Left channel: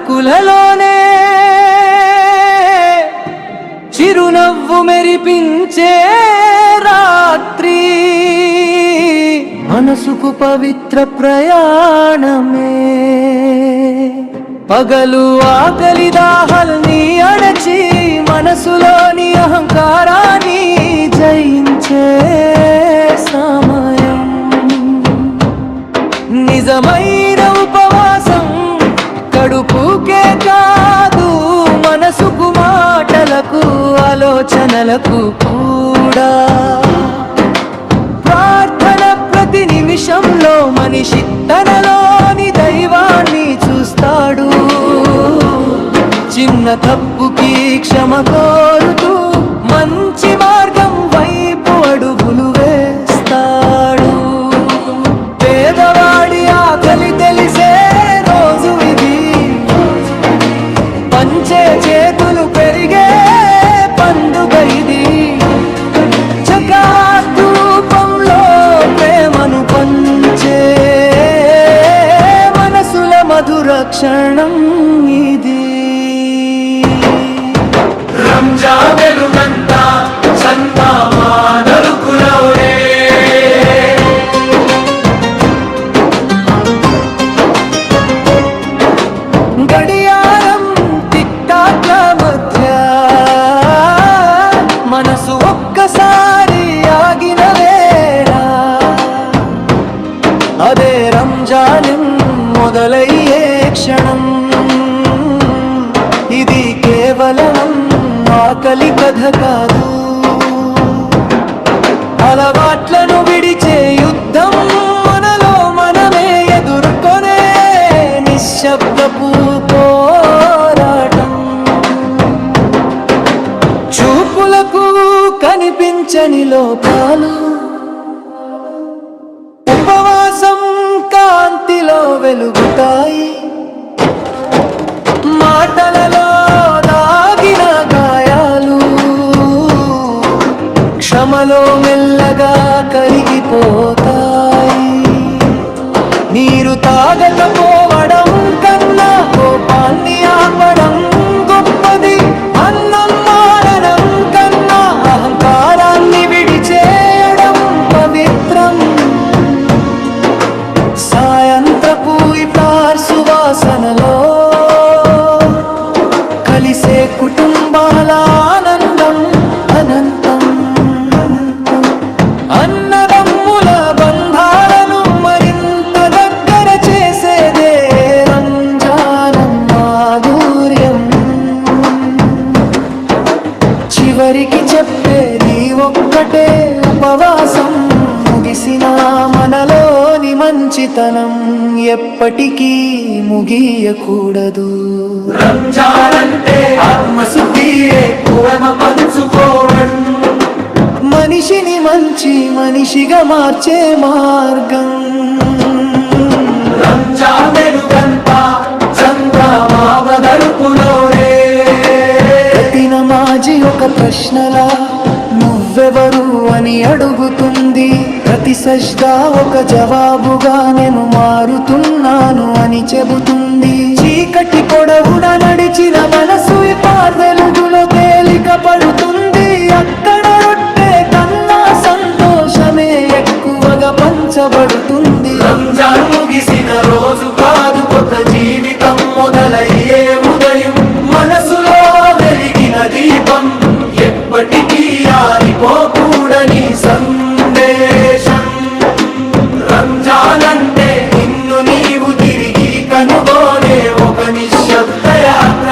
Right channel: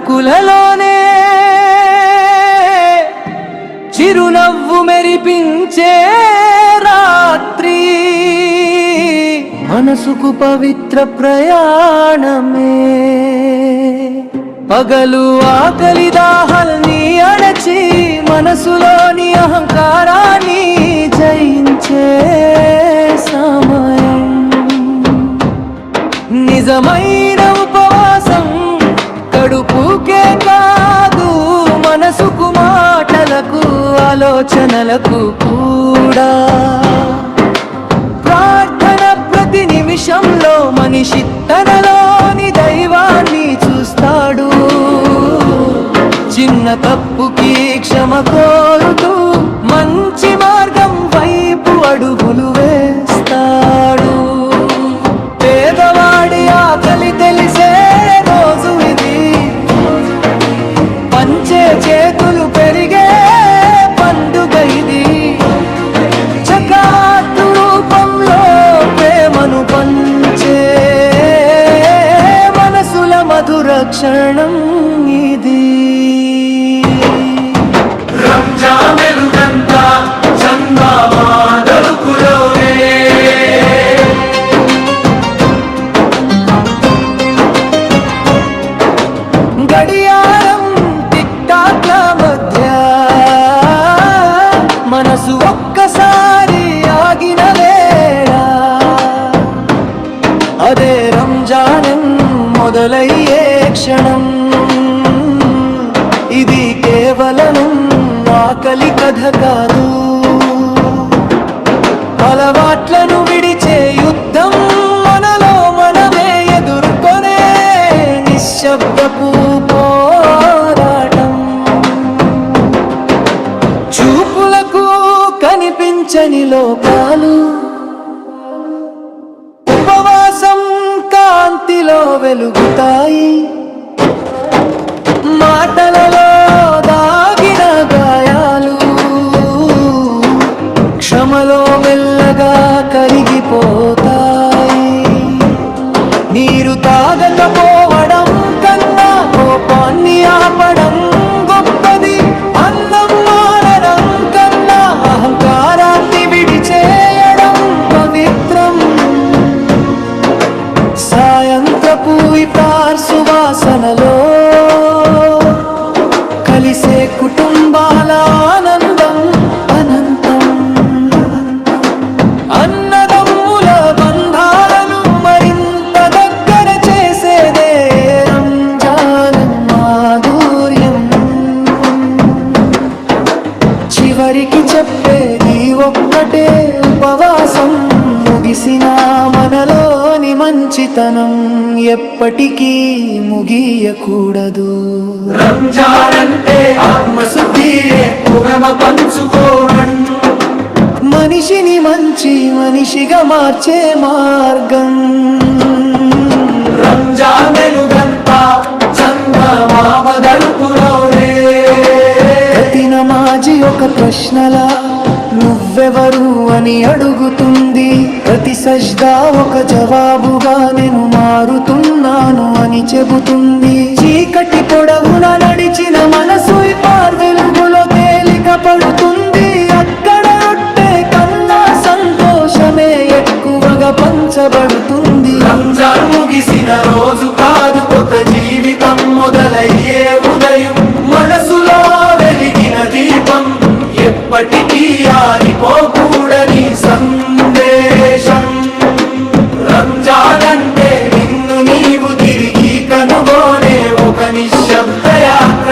పలుకులలోనే చిరునవ్వు మెరిపించే రాత్రి, మనసుకు పవిత్ర ప్రయాణమే. పగలు ఆకలి దాహాల్ని అణచి మనసులోని అహంకారాన్ని జయించే సమయం. నిజమైన ఉపవాసం కడుపుకే కాదు, మనసుకు, మాటలకు, ఆలోచనలకు కూడా. ప్రార్థన ప్రతి నిమిషంలో మనిషి తనలోని దైవాన్ని చూస్తాడు. చిన్న తప్పుకి క్షమ కోరుతూ మంచి మార్గం వైపు అడుగులు వేస్తాడు. పేదవాడి ఆకలి తెలిసే రోజు ఇది, పంచే చేతులు పెరిగే పండుగ ఇది. జకాతు రూపంలో ప్రేమను పంచే మనసుల మధుర క్షణం ఇది. రంజాన్ వెలుగంతా చందమా నలుపులోనే, గడియారం టిక్టాక్ల మధ్య మనసు ఒక్కసారి ఆగిన వేళ, అదే రంజాన్ మొదలయ్యే క్షణం. ఇది కేవలం ఆకలి కథ కాదు, అలవాట్లను విడిచే యుద్ధం, మనలో మనమే ఎదుర్కొనే నిశ్శబ్దపు పోరాటం. చూపులకు కనిపించని లోపాలు ఉపవాసం కాంతిలో వెలుగుతాయి. మాటలలో దాగిన గాయాలు క్షమలో మెల్లగా కరిగిపోతాయి. నీరు తాగకపోవడం కన్నా కోపాన్ని ఆపడం గొప్పది. అన్నం మానడం కన్నా అహంకారాన్ని విడిచేయడం పవిత్రం. సాయంత్రపు ఇఫ్తార్ సువాసనలో కలిసే కుటుంబాల ఆనందం అనంతం. అన్నదమ్ముల బంధాలను మరింత దగ్గర చేసేదే రంజాన్ మాధుర్యం. చివరికి చెప్పేది ఒక్కటే, ఉపవాసం ముగిసిన మనలోని మంచితనం ఎప్పటికీ ముగియకూడదు. రంజాన్ అంటే ఆత్మశుద్ధియే, ప్రేమ పంచుకోవడం, మనిషిని మంచి మనిషిగా మార్చే మార్గం. రంజాన్ వెలుగంతా చంద్రమా నలుపులోనే, ప్రతి నమాజీ ఒక ప్రశ్నలా నువ్వెవరు అని అడుగుతుంది. ప్రతి సజ్దా ఒక జవాబుగా నేను మారుతున్నాను అని చెబుతుంది. చీకటి పొడవున నడిచిన మనసు ఇఫ్తార్ వెలుగులో తేలిక పడుతుంది. అక్కడ రొట్టె కన్నా సంతోషమే ఎక్కువగా పంచబడుతుంది. రంజాన్ ముగిసిన రోజు కాదు, కొత్త జీవితం మొదలయ్యే ఉదయం. మనసులో వెలిగిన దీపం ఎప్పటికీ ఆరిపోకూడని సందేశం. రంజాన్ అంటే నిన్ను నీవు తిరిగి కనుగొనే ఒక నిశ్శబ్ద యాత్ర.